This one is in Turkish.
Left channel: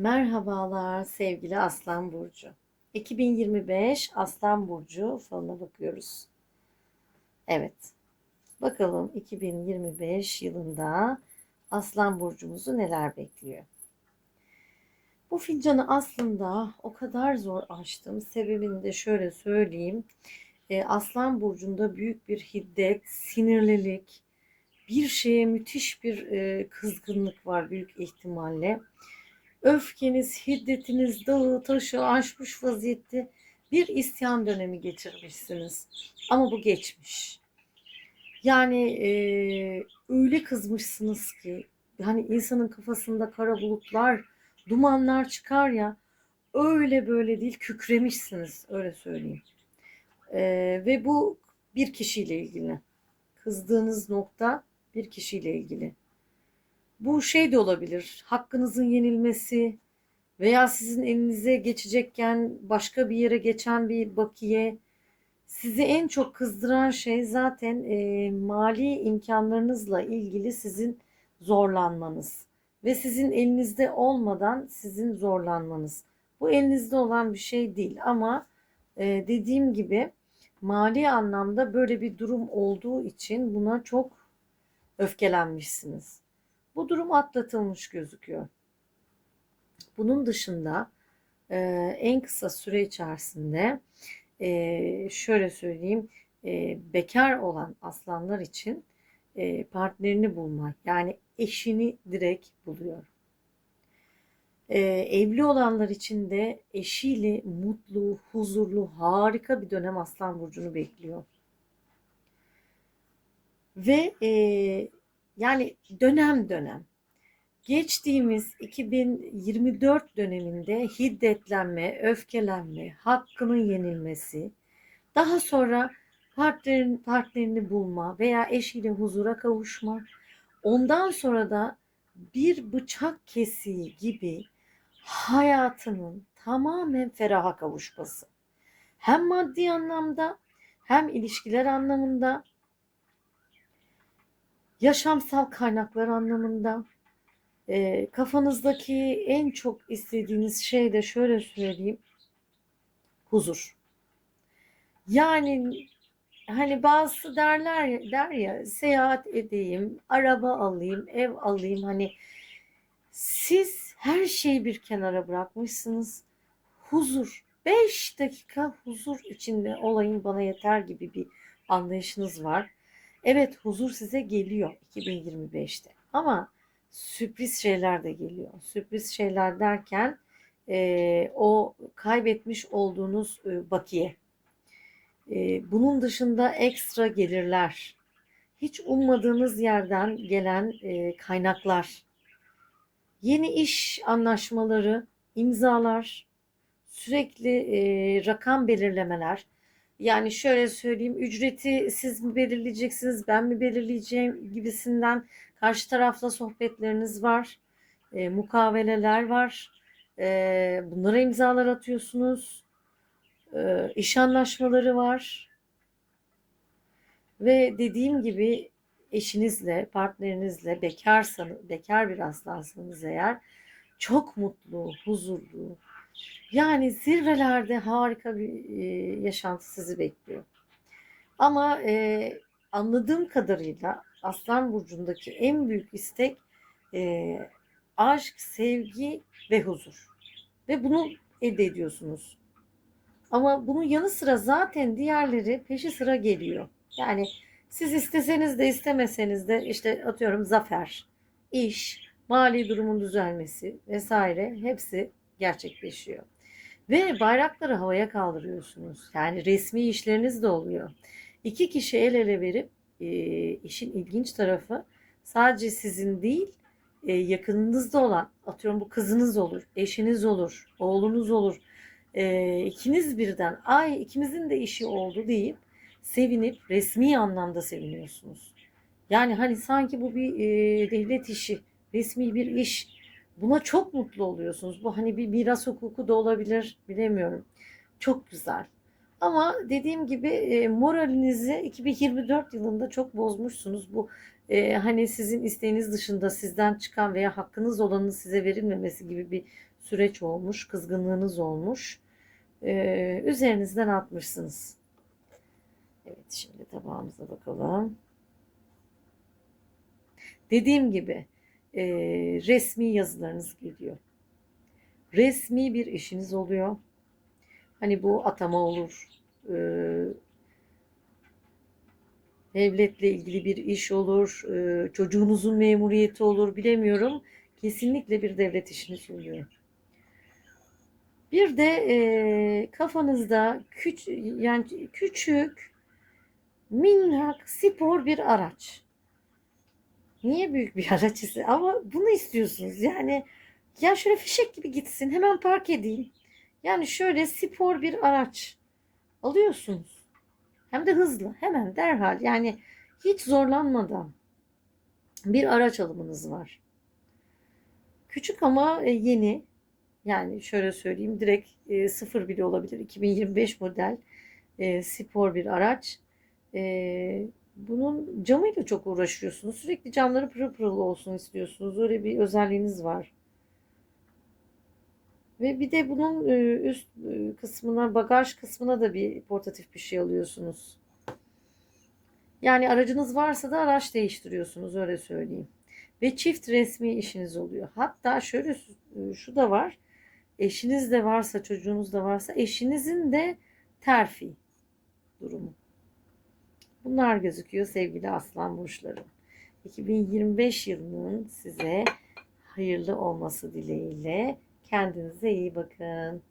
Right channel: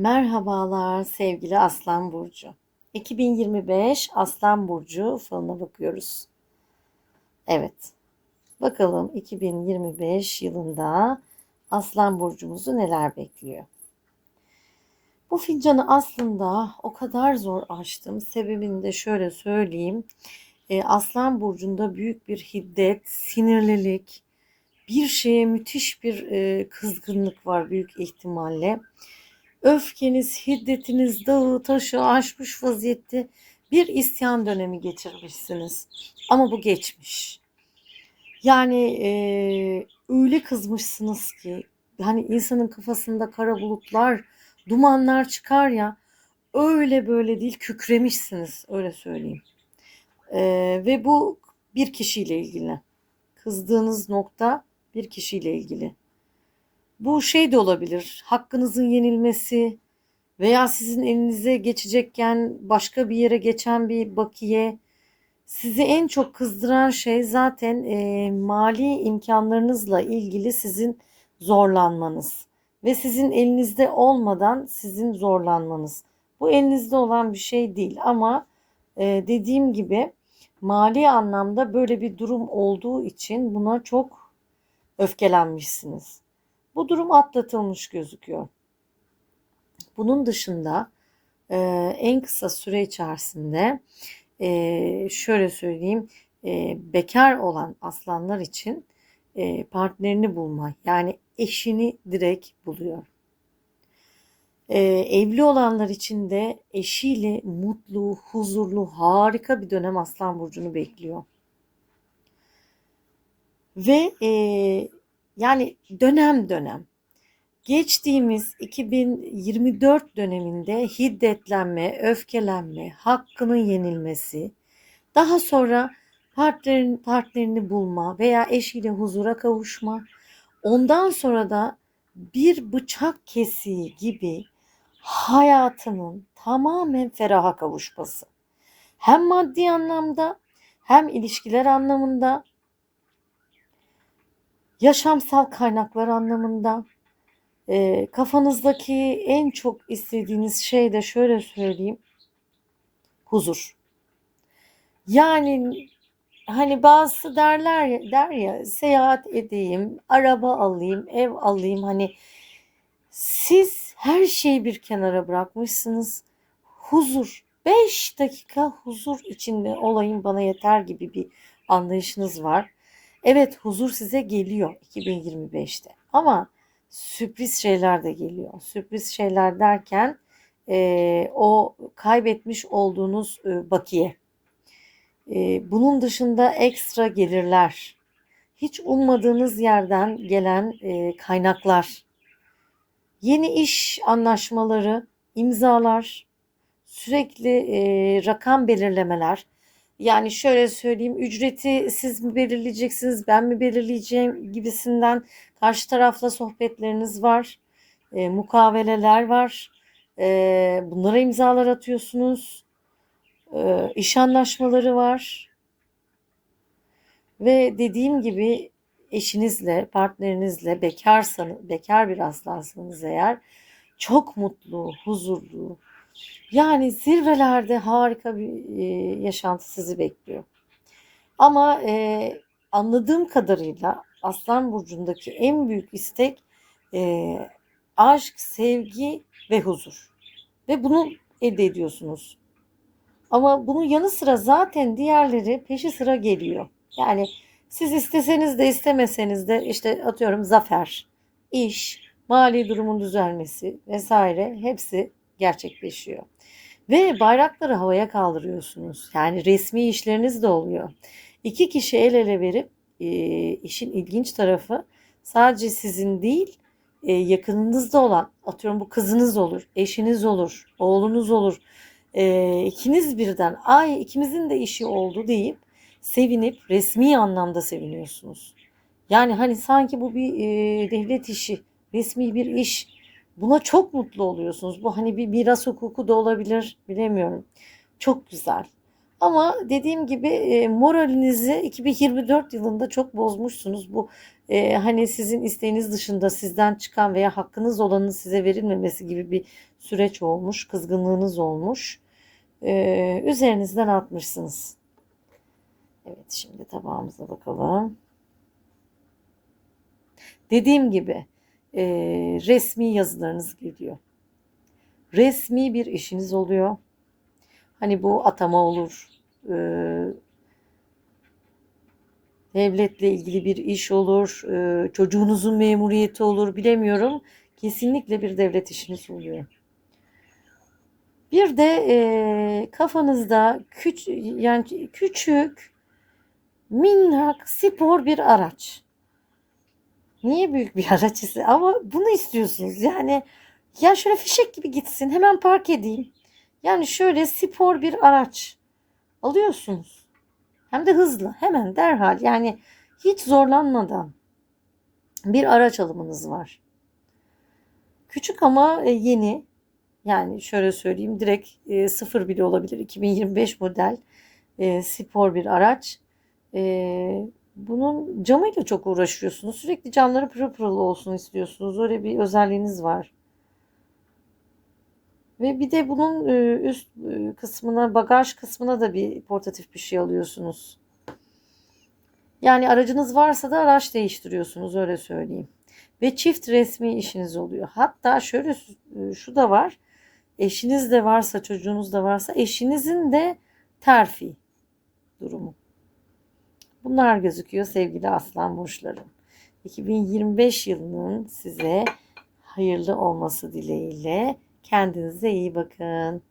Merhabalar sevgili Aslan Burcu. 2025 Aslan Burcu falına bakıyoruz. Evet. Bakalım 2025 yılında Aslan Burcumuzu neler bekliyor? Bu fincanı aslında o kadar zor açtım. Sebebini de şöyle söyleyeyim. E, Aslan Burcu'nda büyük bir hiddet, sinirlilik, bir şeye müthiş bir e, kızgınlık var büyük ihtimalle. Öfkeniz, hiddetiniz dağı taşı aşmış vaziyette bir isyan dönemi geçirmişsiniz. Ama bu geçmiş. Yani e, öyle kızmışsınız ki hani insanın kafasında kara bulutlar, dumanlar çıkar ya öyle böyle değil kükremişsiniz öyle söyleyeyim. E, ve bu bir kişiyle ilgili. Kızdığınız nokta bir kişiyle ilgili. Bu şey de olabilir. Hakkınızın yenilmesi veya sizin elinize geçecekken başka bir yere geçen bir bakiye. Sizi en çok kızdıran şey zaten e, mali imkanlarınızla ilgili sizin zorlanmanız ve sizin elinizde olmadan sizin zorlanmanız. Bu elinizde olan bir şey değil ama e, dediğim gibi mali anlamda böyle bir durum olduğu için buna çok öfkelenmişsiniz. Bu durum atlatılmış gözüküyor. Bunun dışında e, en kısa süre içerisinde e, şöyle söyleyeyim e, bekar olan aslanlar için e, partnerini bulma yani eşini direkt buluyor. E, evli olanlar için de eşiyle mutlu, huzurlu, harika bir dönem Aslan Burcu'nu bekliyor. Ve e, yani dönem dönem. Geçtiğimiz 2024 döneminde hiddetlenme, öfkelenme, hakkının yenilmesi, daha sonra partnerin partnerini bulma veya eşiyle huzura kavuşma, ondan sonra da bir bıçak kesiği gibi hayatının tamamen feraha kavuşması. Hem maddi anlamda hem ilişkiler anlamında yaşamsal kaynaklar anlamında e, kafanızdaki en çok istediğiniz şey de şöyle söyleyeyim huzur. Yani hani bazı derler ya, der ya seyahat edeyim, araba alayım, ev alayım hani siz her şeyi bir kenara bırakmışsınız. Huzur. 5 dakika huzur içinde olayım bana yeter gibi bir anlayışınız var. Evet huzur size geliyor 2025'te ama sürpriz şeyler de geliyor. Sürpriz şeyler derken e, o kaybetmiş olduğunuz e, bakiye. E, bunun dışında ekstra gelirler. Hiç ummadığınız yerden gelen e, kaynaklar. Yeni iş anlaşmaları, imzalar, sürekli e, rakam belirlemeler yani şöyle söyleyeyim ücreti siz mi belirleyeceksiniz ben mi belirleyeceğim gibisinden karşı tarafla sohbetleriniz var. E, mukaveleler var. E, bunlara imzalar atıyorsunuz. E, iş anlaşmaları var. Ve dediğim gibi eşinizle, partnerinizle bekarsanız, bekar bir aslansanız eğer çok mutlu, huzurlu, yani zirvelerde harika bir e, yaşantı sizi bekliyor. Ama e, anladığım kadarıyla Aslan Burcu'ndaki en büyük istek e, aşk, sevgi ve huzur. Ve bunu elde ediyorsunuz. Ama bunun yanı sıra zaten diğerleri peşi sıra geliyor. Yani siz isteseniz de istemeseniz de işte atıyorum zafer, iş, mali durumun düzelmesi vesaire hepsi gerçekleşiyor. Ve bayrakları havaya kaldırıyorsunuz. Yani resmi işleriniz de oluyor. İki kişi el ele verip e, işin ilginç tarafı sadece sizin değil e, yakınınızda olan atıyorum bu kızınız olur, eşiniz olur, oğlunuz olur. E, ikiniz birden ay ikimizin de işi oldu deyip sevinip resmi anlamda seviniyorsunuz. Yani hani sanki bu bir e, devlet işi, resmi bir iş Buna çok mutlu oluyorsunuz. Bu hani bir miras hukuku da olabilir bilemiyorum. Çok güzel. Ama dediğim gibi e, moralinizi 2024 yılında çok bozmuşsunuz. Bu e, hani sizin isteğiniz dışında sizden çıkan veya hakkınız olanın size verilmemesi gibi bir süreç olmuş, kızgınlığınız olmuş. E, üzerinizden atmışsınız. Evet şimdi tabağımıza bakalım. Dediğim gibi e, resmi yazılarınız geliyor. Resmi bir işiniz oluyor. Hani bu atama olur, e, devletle ilgili bir iş olur, e, çocuğunuzun memuriyeti olur bilemiyorum. Kesinlikle bir devlet işiniz oluyor. Bir de e, kafanızda küç yani küçük minnak spor bir araç. Niye büyük bir araç ise ama bunu istiyorsunuz. Yani ya şöyle fişek gibi gitsin hemen park edeyim. Yani şöyle spor bir araç alıyorsunuz. Hem de hızlı hemen derhal yani hiç zorlanmadan bir araç alımınız var. Küçük ama e, yeni yani şöyle söyleyeyim direkt e, sıfır bile olabilir 2025 model e, spor bir araç. E, bunun camıyla çok uğraşıyorsunuz. Sürekli camları pırıl pırıl olsun istiyorsunuz. Öyle bir özelliğiniz var. Ve bir de bunun e, üst e, kısmına, bagaj kısmına da bir portatif bir şey alıyorsunuz. Yani aracınız varsa da araç değiştiriyorsunuz öyle söyleyeyim. Ve çift resmi işiniz oluyor. Hatta şöyle e, şu da var. Eşiniz de varsa, çocuğunuz da varsa eşinizin de terfi durumu. Bunlar gözüküyor sevgili aslan burçlarım. 2025 yılının size hayırlı olması dileğiyle kendinize iyi bakın.